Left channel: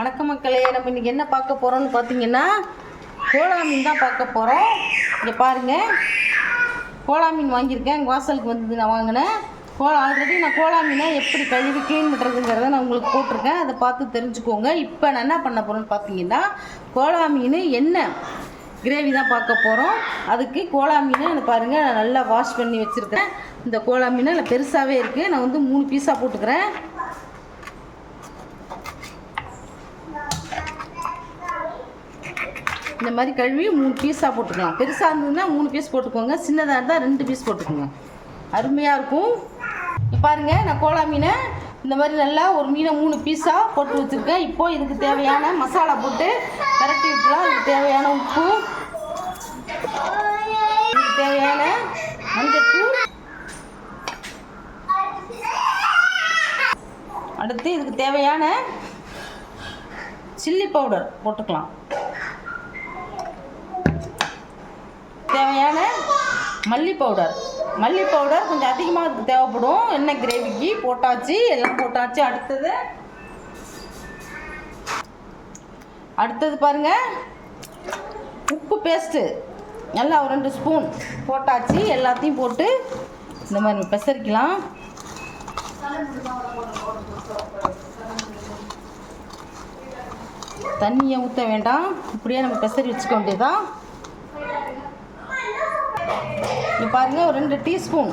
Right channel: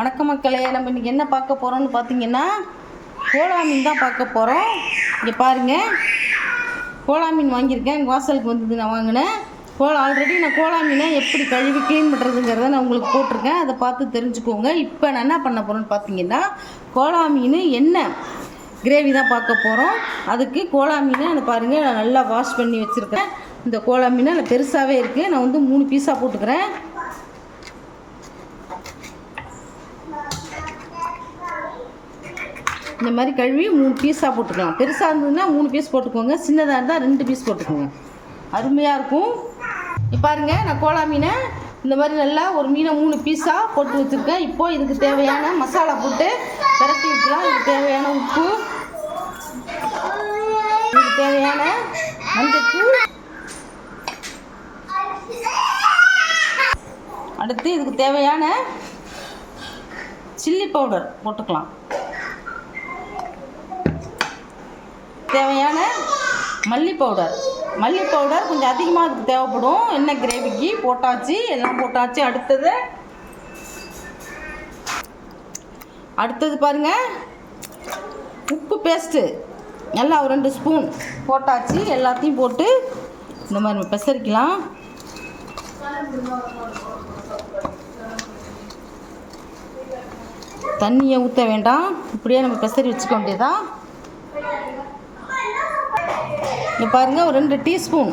வணக்கம் மக்களே, நம்ம இன்றைக்கி என்ன பார்க்க போகிறோம்னு பார்த்தீங்கன்னா கோலா மீன் தான் பார்க்க போகிறோம். இங்கே பாருங்கள், கோலா மீன் வாங்கியிருக்கேன். எங்கள் வாசலுக்கு வந்தது நான் வாங்கினேன். ஆல்ரெடி நான் கோலா மீனை எப்படி கழுவி க்ளீன் பண்ணுறதுங்கிறத நான் உங்களுக்கு போட்டிருக்கேன். அதை பார்த்து தெரிஞ்சுக்கோங்க. இப்போ நான் என்ன பண்ண போகிறேன்னு பார்த்தீங்கன்னா கோலா மீன் எண்ணெய் கிரேவி தான் பார்க்க போகிறோம். அதுக்கு கோலா மீனை எனக்கு பாருங்கள், நான் நல்லா வாஷ் பண்ணி வச்சுருக்கேன். இந்த கோலா மீனை நல்லா பெருசாகவே இருக்குது. நான் வந்து 3 பீஸாக போட்டுக்கிறேன். இந்த மாதிரி கழுவி 3 பீஸாக போட்டுக்கலாம். பெருசாக இருந்ததுன்னா 3 பீஸ் போட்டுக்கோங்க, சின்னதாக இருந்தால் 2 பீஸ் போட்டுக்கோங்க. அருமையாக இருக்கும். இப்போ பாருங்கள், நான் கோலா மீனை இந்த மாதிரி நல்லா ஒரு மீனை 3 பீஸாக போட்டு வச்சுருக்கேன். இப்போது இதுக்கு தேவையான மசாலா போட்டு பரட்டி வச்சுக்கலாம். இதுக்கு தேவையான உப்பு, இதுக்கு தேவையான மஞ்சத்தூள், அடுத்து இதுக்கு தேவையான சில்லி பவுடர் போட்டுக்கலாம். தேவையான மல்லி பவுடர் கொஞ்சம் அதிகமாக அதுக்கு தேவைப்படும். எண்ணெய் கிரேவிக்கு போட்டாச்சு, எல்லாம் போட்டாச்சு. அடுத்தது பாருங்கள், உப்பு பேஸ்ட்டு நல்லா ஒரு 2 ஸ்பூன் போட்டாச்சு. எல்லாத்தையும் போட்டு இந்த மாதிரி பெசரிக்கலாம். தண்ணியை ஊற்ற வேண்டாம், இப்படியே நம்ம பெசரி வச்சுக்க வேண்டியதான். இப்போ பாருங்கள், ஒரு 2 டீஸ்பூன்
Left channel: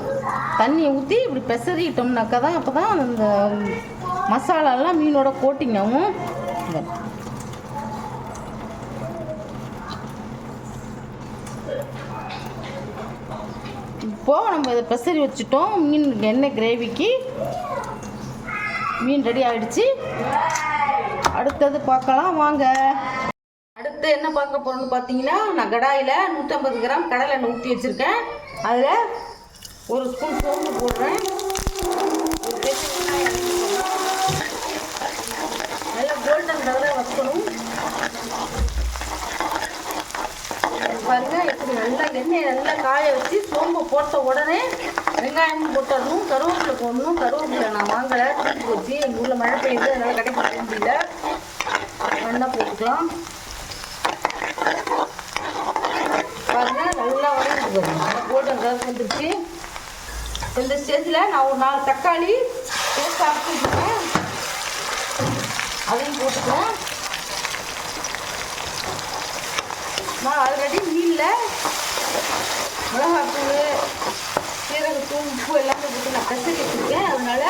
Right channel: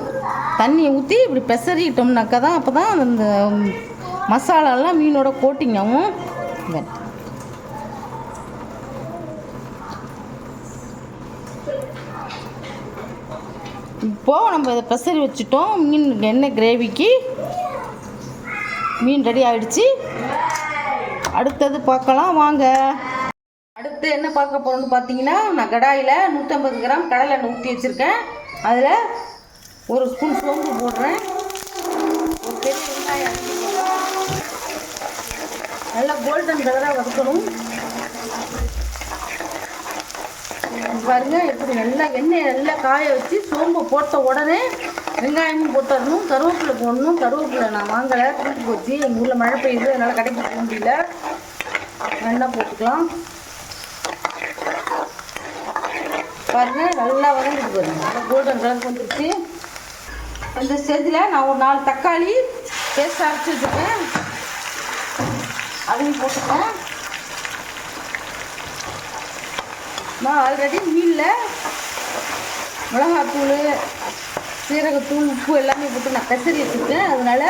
தண்ணியை ஊற்றி இப்படி பெசரிட்டோம்னாக்கா தான் அப்போ தான் அந்த மசாலாலாம் மீனோட கோட்டிங் ஆகும். இப்போது நம்ம இதை பெசரி வச்சுட்டோம். மீன் எண்ணெய் கிரேவிக்கு மீன் ரெடி ஆகிடுச்சு. அடுத்தது பார்க்கலாம் வாங்க. அடுத்து என்ன பார்க்க போகிறோம்னு பார்த்தீங்கன்னா, நான் கடாயில் 150 கிராம் கடலை எண்ணெய் ஊற்றி வச்சுருக்கேன். அதில் 1 ஸ்பூன் சோம்பு போடுறேன். ஒரு பெரிய வெங்காயம் நல்லா கோல்டன் கலராக வதக்கணும். பாருங்கள், எப்படி நல்லா எண்ணெயை நல்லா காய வச்சு சோம்பு போட்ட உடனே வெங்காயமும் போட்டுடணும். கருவேப்பிலை போடணும். கருவேப்பிலை நான் வாங்கலை, தூக்கி போச்சு. எங்கள் ஊரில் மழை பெய்யுது, அதனால் கடைக்கு போக முடியல. நல்லா போட்டுக்கலாம். பாருங்கள், நல்லா வதங்கிட்டு நல்லா கோல்டன் கலர் வந்துடுச்சு. இந்த ஸ்டேஜில் நான் ஒரு 4 தக்காளி பேஸ்ட் அரைச்சி வச்சுருக்கேன், அதையும் போட்டுக்கிறேன். நான் ஆல்ரெடி மீனில் மிளகாத்தூள், சீரகத்தூள், உப்பு எல்லாமே போட்டு நான் பெசரி வச்சுருக்கேன். அதனால்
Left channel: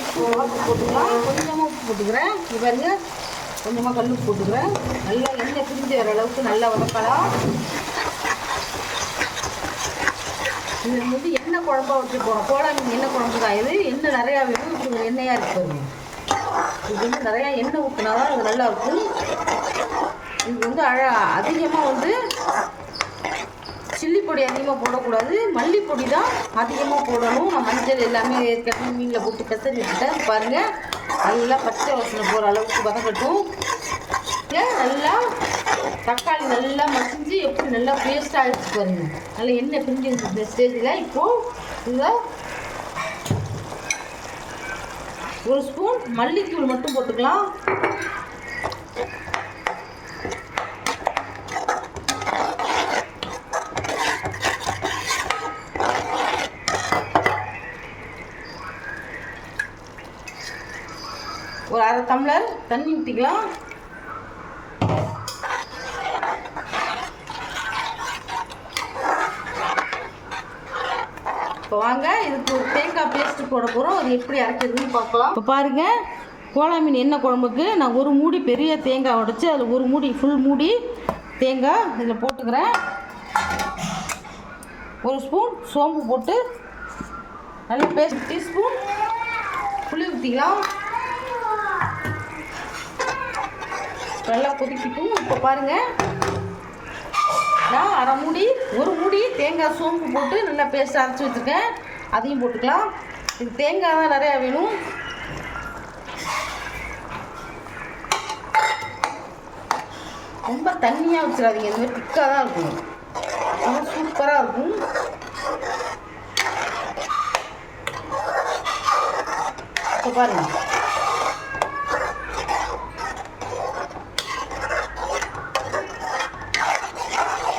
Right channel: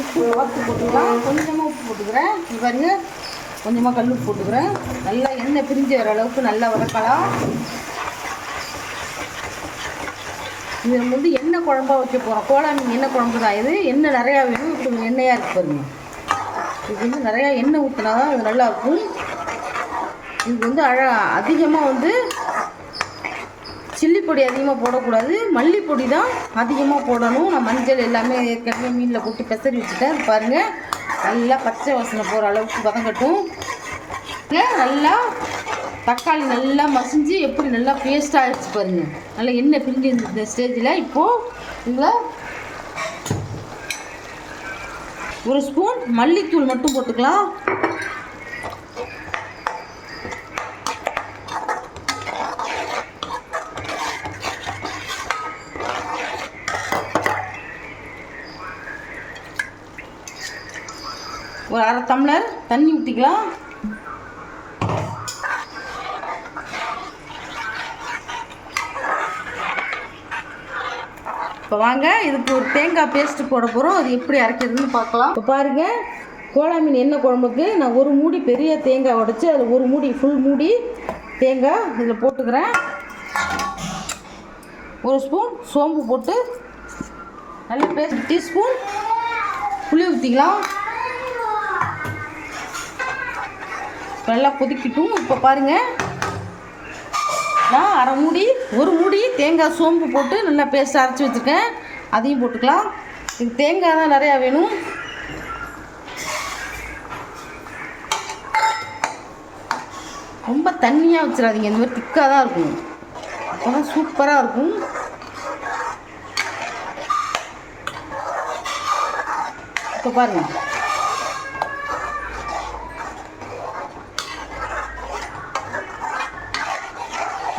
உப்பு வறுத்து போட்டுக்கலாம். கொஞ்சமாக உப்பு போட்டுக்கிறேன். இது பாருங்க, கொஞ்சமாக கல் உப்பு போட்டுக்கிறேன். நல்லா எண்ணெய் பிரிஞ்சு வர அளவுக்கு நல்லா வதக்கலாம். இது வந்து எண்ணெய் குழம்பா வச்சு போகிறோம். கோலா மீன் எண்ணெய் குழம்பு தான் இது. எண்ணெய் நிறையா வேணும். இப்படி எண்ணெயாக இருக்கு பாருங்க. இது வந்து நிறையா எண்ணெய் ஊற்றினா தான் இது நல்லாயிருக்கும். இது வந்து அதிகமாக வந்து சில்லி பொடி அதிகமாக போடக்கூடாது, மல்லிப்பொடி தான் அதிகமாக போடணும். நான் மஞ்சள் எல்லாமே ஏற்கனவே மீனில் போட்டு பெசரி வச்சுட்டேன். பாருங்கள், நல்லா பச்சை வாசனை போகிற அளவுக்கு வதங்கட்டும். நல்லா தக்காளி நல்லா மசிஞ்சு எப்படி நல்லா பேஸ்ட்டாக ஆகிடுச்சு பாருங்கள். நல்லா எண்ணெய் பிரிஞ்சு இந்த ஸ்டேஜில் இப்போது இதில் 1 ஸ்பூன் மல்லித்தூள் மட்டும் போட்டுக்கலாம். ஒரு 1/2 டம்ளர் தண்ணி ஊற்றிக்கலாம். இப்போ வாங்க, இதுக்கு ஒரு தேங்காய் பேஸ்ட்டு போட போகிறோம். அது எப்படி அரைக்கிறதுன்னு பார்க்கலாம். இப்போ பாருங்கள், கோலா மீன் எண்ணெய் குழம்புக்கு நான் 1 மூடி பெரிய தேங்காய் உடைச்சி அதில் 1 மூடி ஃபுல் மூடி தேங்காய் இதில் போட்டுக்கிறேன். 1 ஸ்பூன் சோம்பு போட்டு நல்லா பேஸ்ட், டீஸ்பூன் புளி ஊற்றிக்கலாம். நல்லா கொதிக்கட்டும். இப்போ பாருங்கள், நான் 1 மூடி தேங்காய் சோம்பு போட்டு நல்லா பேஸ்ட் அரைச்சி வச்சுருக்கேன். அதையும் போட்டுக்கலாம். இது தேங்காய் தான் நிறையா வேணும். ரொம்ப தண்ணியாக வச்சிடாதீங்க, இந்த மாதிரி திக்காக தான் இருக்கும். ஆனால் சூப்பராக இருக்கும். இப்போ பாருங்கள்,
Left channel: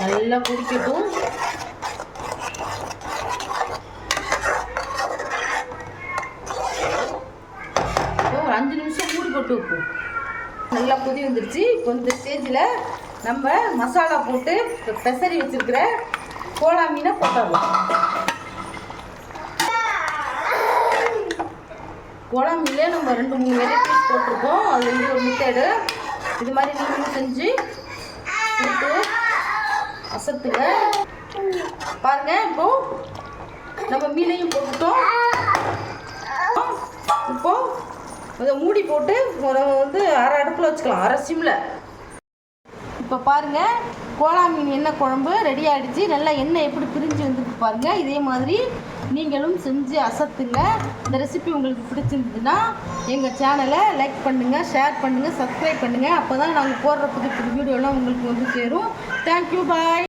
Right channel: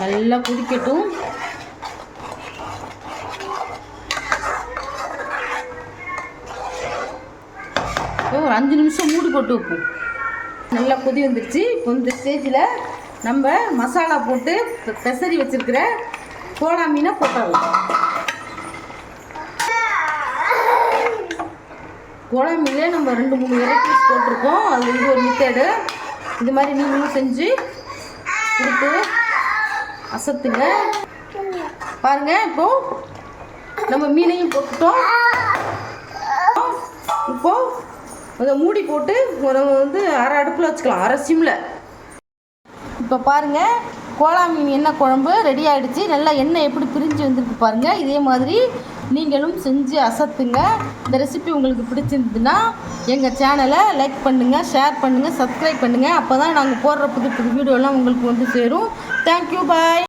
நல்லா குடிக்கட்டும். ஒரு 5 நிமிஷம் மூடி போட்டு வைப்போம். நல்லா கொதி வந்துடுச்சு. இப்போ இந்த ஸ்டேஜில் நம்ம மசாலா போட்டு பெசரி வச்சுருக்கிற கோலா மீனை போட்டுடலாம். கோலா மீனே நம்ம 2-3 வெரைட்டிஸ் போட்டிருக்கோம். அது இது ஒரு மெத்தேடு. இது மாதிரி நீங்களும் செஞ்சு கொடுத்து அசத்துங்க. பாருங்கள், இப்போது நம்ம மீனையும் போட்டுட்டோம். இப்போது அதை மூடி போட்டு வந்து அரை அடுப்பில் வச்சுக்கலாம், அரை சிம்மில். இப்போ பாருங்கள், கோலா மீன் எண்ணெய் குழம்பு ரெடி ஆகிடுச்சு. நல்லா எண்ணெய் எப்படி பிரிஞ்சு வந்துருக்கு பாருங்கள். இதே மாதிரி நீங்களும் செஞ்சு அசத்துங்க. இந்த ரெசிபி உங்களுக்கு பிடிச்சிருந்துதுன்னா எங்கள் சேனலை லைக் பண்ணுங்கள், ஷேர் பண்ணுங்கள், சப்ஸ்கிரைப் பண்ணுங்கள். அப்போ தான் நாங்கள் போடுற புது புது வீடியோலாம் உங்களுக்கு வந்து சேரும். தேங்க்யூ, பாய்.